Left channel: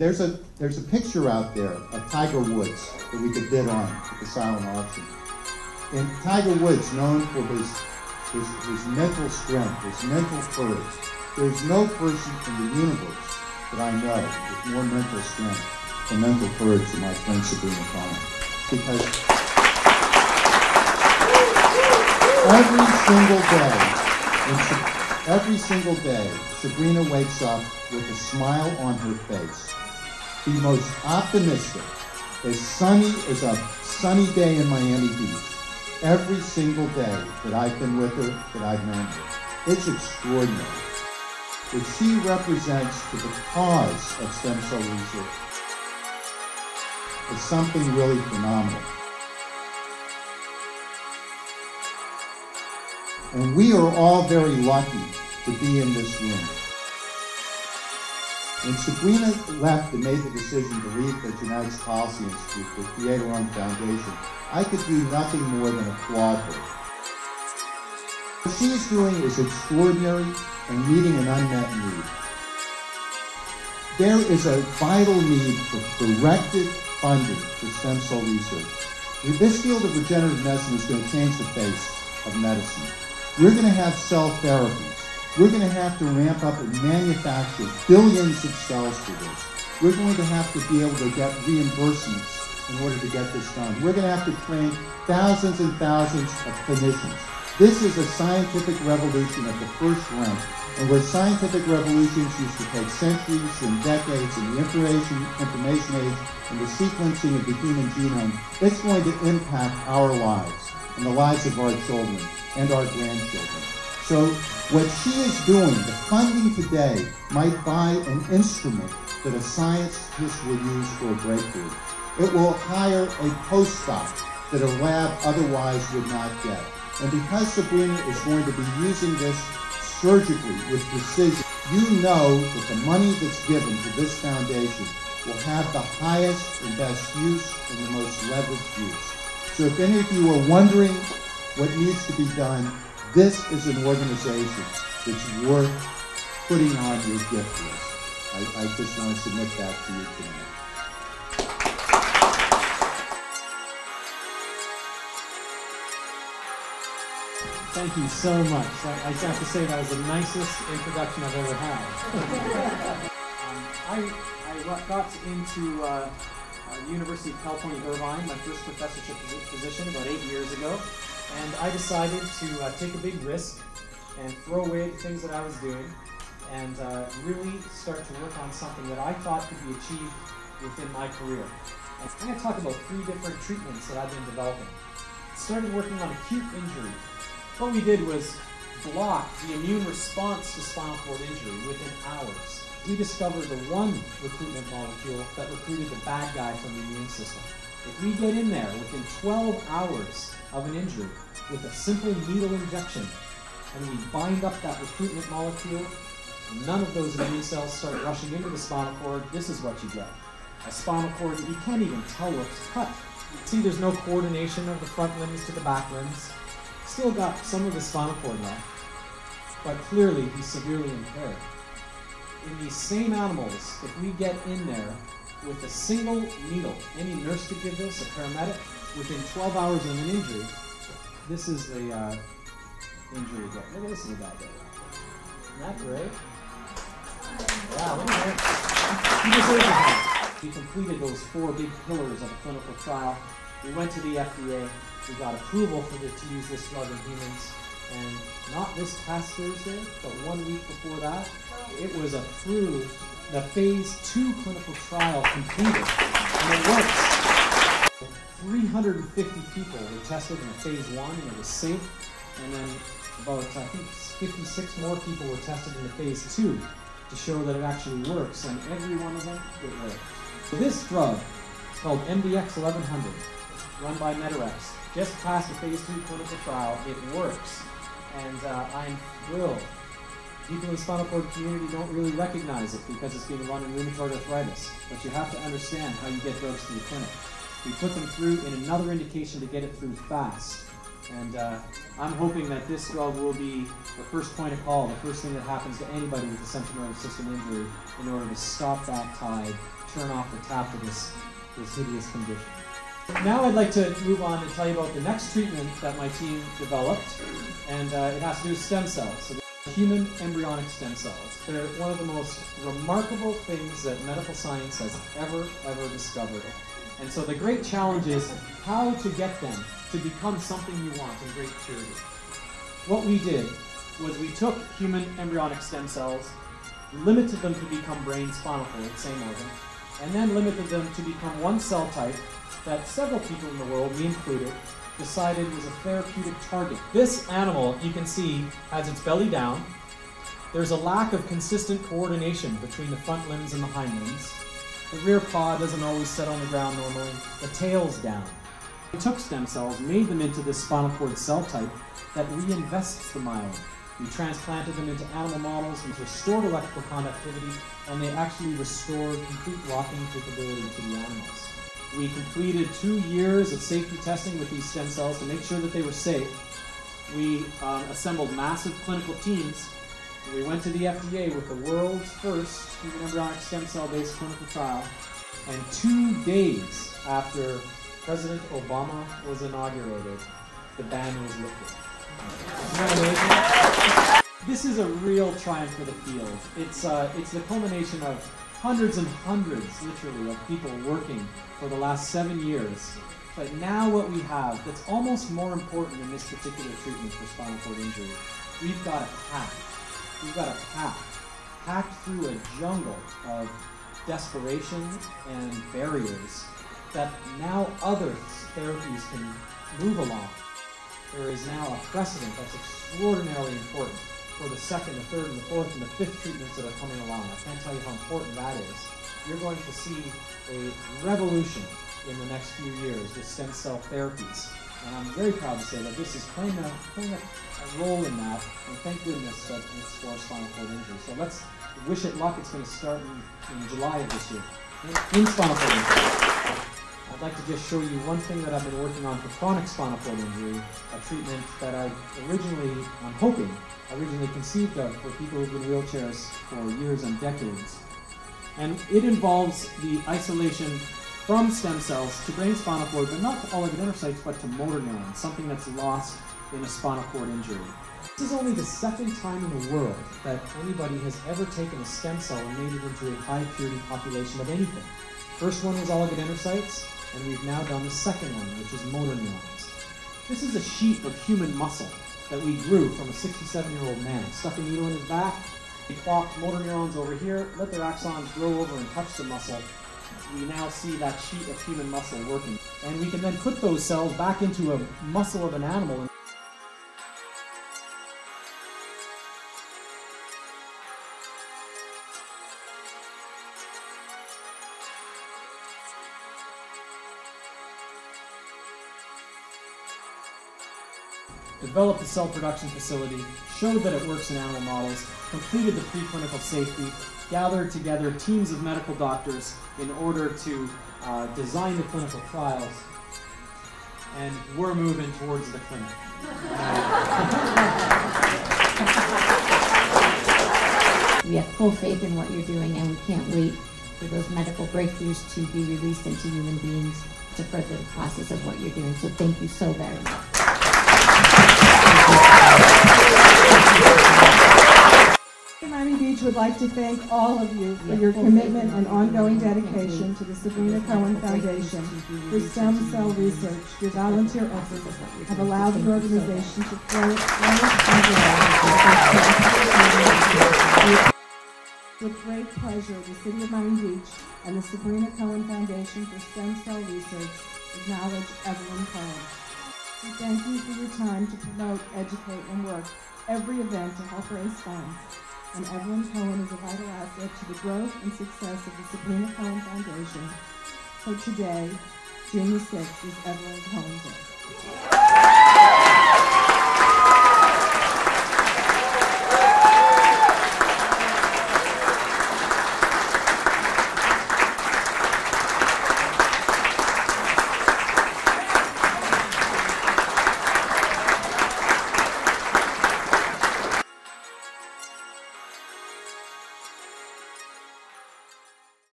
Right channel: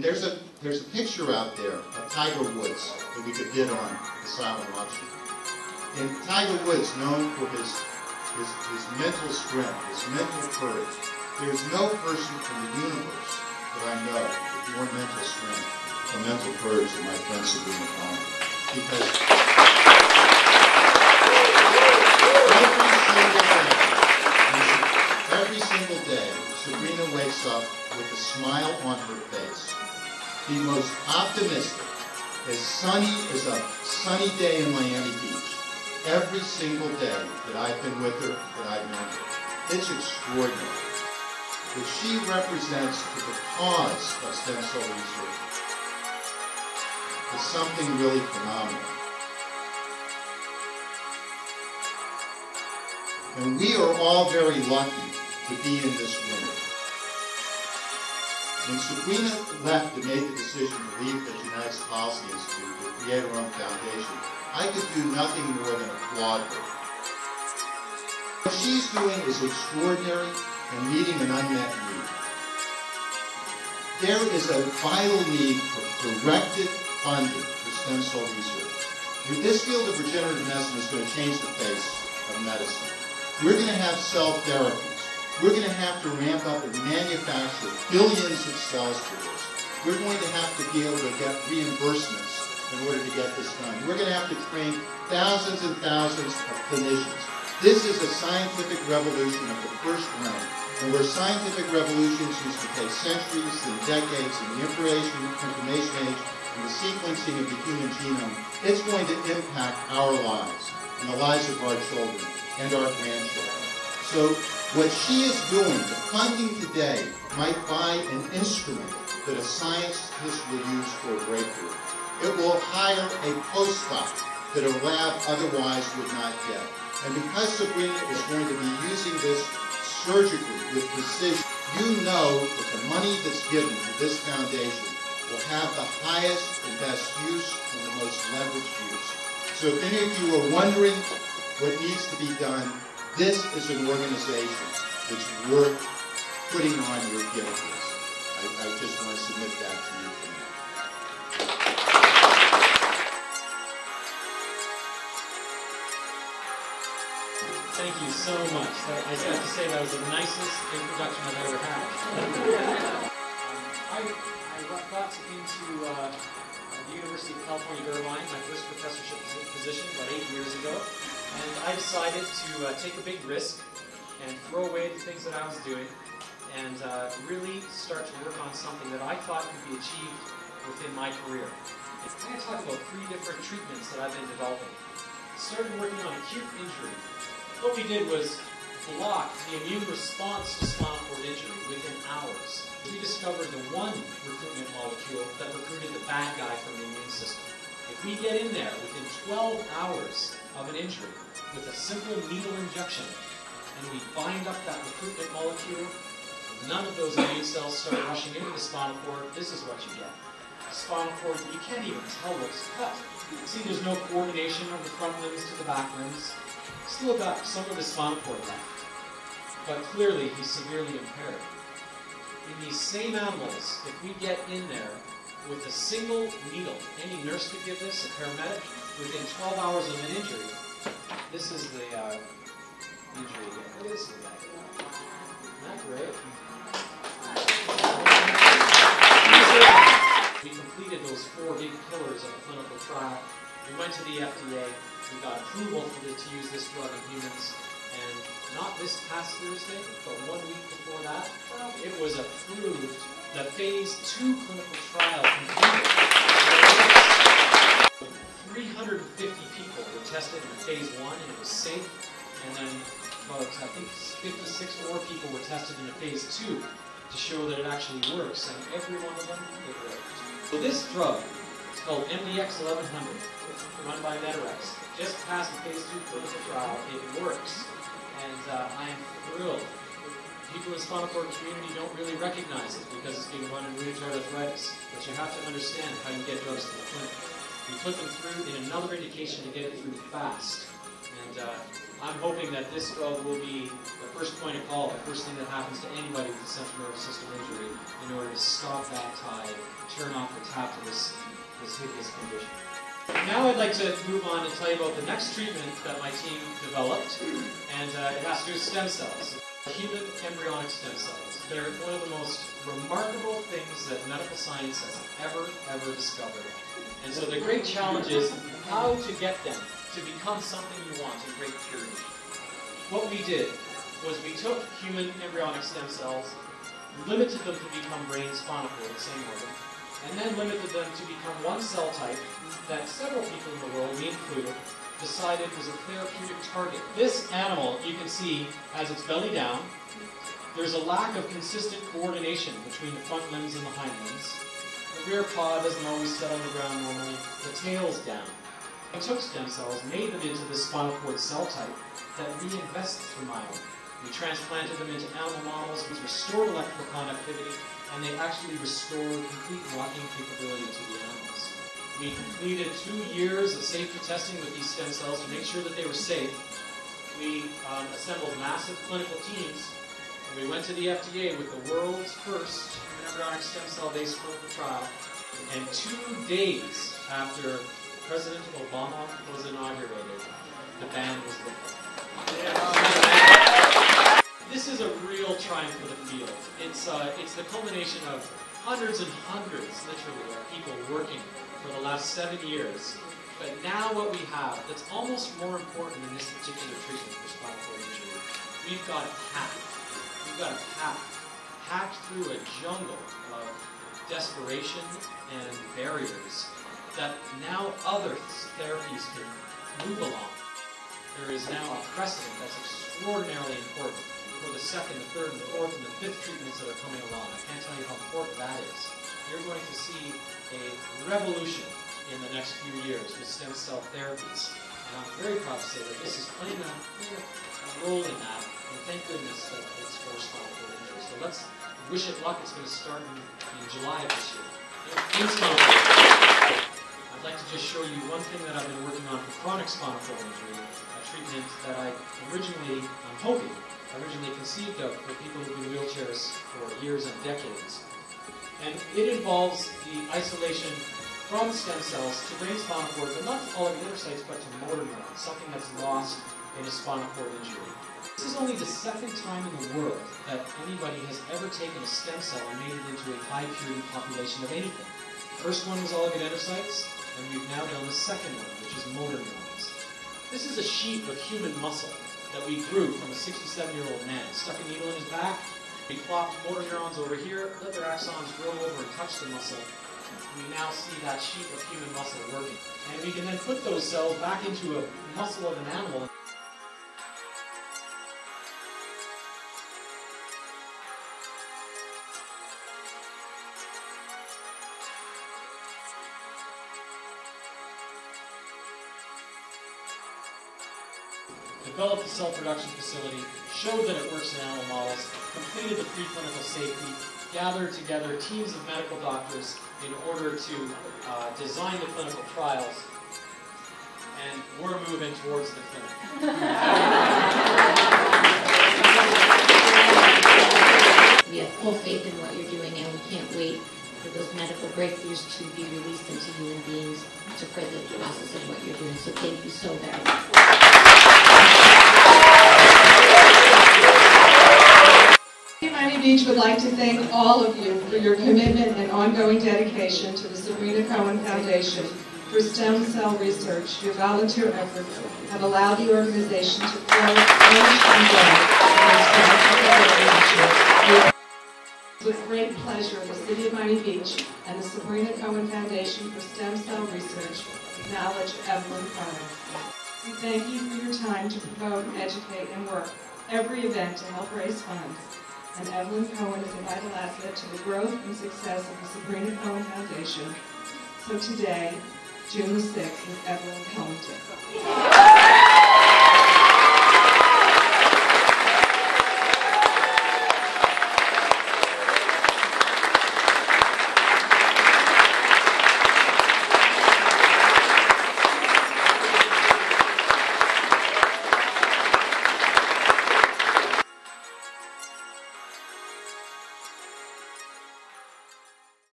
And there's a picture out there of Tiger Woods that we could bid on at the silent auction. And Tiger Woods, known for his mental strength, his mental courage. There's no person in the universe that I know with more mental strength and mental courage than my friend Sabrina Fine. Because every single day, Sabrina wakes up with a smile on her face. The most optimistic, as sunny as a sunny day in Miami Beach. Every single day that I've been with her, that I've known her. It's extraordinary. What she represents to the cause of stem cell research is something really phenomenal. And we are all very lucky to be in this room. When Sabrina left and made the decision to leave the Genetics Policy Institute to create her own foundation, I could do nothing more than applaud her. What she's doing is extraordinary and meeting an unmet need. There is a vital need for directed funding for stem cell research. This field of regenerative medicine is going to change the face of medicine. We're going to have cell therapies. We're going to have to ramp up and manufacture billions of cells for this. We're going to have to be able to get reimbursements in order to get this done. We're going to have to train thousands and thousands of clinicians. This is a scientific revolution of the first rank, and where scientific revolutions used to take centuries and decades in the information age and the sequencing of the human genome, it's going to impact our lives and the lives of our children and our grandchildren. So what she is doing, the funding today, might buy an instrument that a scientist would use for a breakthrough. It will hire a postdoc that a lab otherwise would not get. And because Sabrina is going to be using this surgically with precision, you know that the money that's given to this foundation will have the highest and best use and the most leveraged use. So if any of you are wondering what needs to be done, this is an organization that's worth putting on your gift list. I just want to submit that to you tonight. Thank you so much. I just have to say that was the nicest introduction I've ever had. I got into the University of California, Irvine, my first professorship position about 8 years ago, and I decided to take a big risk and throw away the things that I was doing and really start to work on something that I thought could be achieved within my career. I'm going to talk about 3 different treatments that I've been developing. Started working on acute injury. What we did was block the immune response to spinal cord injury within hours. We discovered the one recruitment molecule that recruited the bad guy from the immune system. If we get in there within 12 hours of an injury with a simple needle injection, and we bind up that recruitment molecule, none of those immune cells start rushing into the spinal cord, this is what you get. A spinal cord, you can't even tell what's cut. See, there's no coordination of the front limbs to the back limbs. Still got some of the spinal cord left, but clearly he's severely impaired. In these same animals, if we get in there with a single needle, any nurse could give this, a paramedic, within 12 hours of an injury, this is the injury that, listen to that. Isn't that great? We completed those 4 big pillars of a clinical trial. We went to the FDA. We got approval to use this drug in humans, and not this past Thursday, but 1 week before that, it was approved. The phase 2 clinical trial completed, and it works. 350 people were tested in phase 1, and it was safe, and then about, I think, 56 more people were tested in phase 2 to show that it actually works, and every one of them, it worked. This drug is called MDX 1100, run by Medirex. Just passed the phase 2 clinical trial. It works, and I am thrilled. People in the spinal cord community don't really recognize it because it's being run in rheumatoid arthritis, but you have to understand how you get drugs to the clinic. We put them through in another indication to get it through fast, And I'm hoping that this drug will be the first point of call, the first thing that happens to anybody with a central nervous system injury in order to stop that tide, turn off the tap of this hideous condition. Now I'd like to move on and tell you about the next treatment that my team developed, and it has to do with stem cells. So human embryonic stem cells. They're one of the most remarkable things that medical science has ever discovered. And so the great challenge is how to get them to become something you want in great purity. What we did was we took human embryonic stem cells, limited them to become brain spinal cord, same organ, and then limited them to become one cell type that several people in the world, me included, decided was a therapeutic target. This animal, you can see, has its belly down. There's a lack of consistent coordination between the front limbs and the hind limbs. The rear paw doesn't always sit on the ground normally. The tail's down. We took stem cells, made them into this spinal cord cell type that reinvests the myelin. We transplanted them into animal models which restored electrical conductivity, and they actually restored complete locking capability to the animals. We completed 2 years of safety testing with these stem cells to make sure that they were safe. We assembled massive clinical teams. We went to the FDA with the world's first human embryonic stem cell-based clinical trial. And 2 days after President Obama was inaugurated, the ban was lifted. This is a real triumph for the field. It's the culmination of hundreds and hundreds, literally, of people working for the last 7 years. But now what we have that's almost more important in this particular treatment for spinal cord injury, we've got a path. We've got a path packed through a jungle of desperation and barriers that now other therapies can move along. There is now a precedent that's extraordinarily important for the second, the third, and the fourth, and the fifth treatments that are coming along. I can't tell you how important that is. You're going to see a revolution in the next few years with stem cell therapies. And I'm very proud to say that this is playing a role in that, and thank goodness that it's for spinal cord injury. So let's wish it luck. It's going to start in July of this year. In spinal cord injury. I'd like to just show you one thing that I've been working on for chronic spinal cord injury, a treatment that I originally conceived of for people who've been in wheelchairs for years and decades. And it involves the isolation from stem cells to brain spinal cord, but not to oligodendrocytes, but to motor neurons, something that's lost in a spinal cord injury. This is only the second time in the world that anybody has ever taken a stem cell and made it into a high purity population of anything. First one was oligodendrocytes, and we've now done the second one, which is motor neurons. This is a sheet of human muscle that we grew from a 67-year-old man. Stuck a needle in his back, we plopped motor neurons over here, let their axons grow over and touch the muscle. We now see that sheet of human muscle working. And we can then put those cells back into a muscle of an animal. Developed a cell production facility, showed that it works in animal models, completed the preclinical safety, gathered together teams of medical doctors in order to design the clinical trials, and we're moving towards the clinic. We have full faith in what you're doing, and we can't wait for those medical breakthroughs to be released into human beings to further the process of what you're doing. So thank you so very much. Miami Beach would like to thank all of you for your commitment and ongoing dedication to the Sabrina Cohen Foundation for stem cell research. Your volunteer efforts have allowed the organization to flourish and grow. With great pleasure, the City of Miami Beach and the Sabrina Cohen Foundation for Stem Cell Research acknowledge Evelyn Cohen. We thank you for your time to promote, educate, and work every event to help raise funds. And Evelyn Cohen is a vital asset to the growth and success of the Sabrina Cohen Foundation. So today, June the 6th, is Evelyn Cohen Day.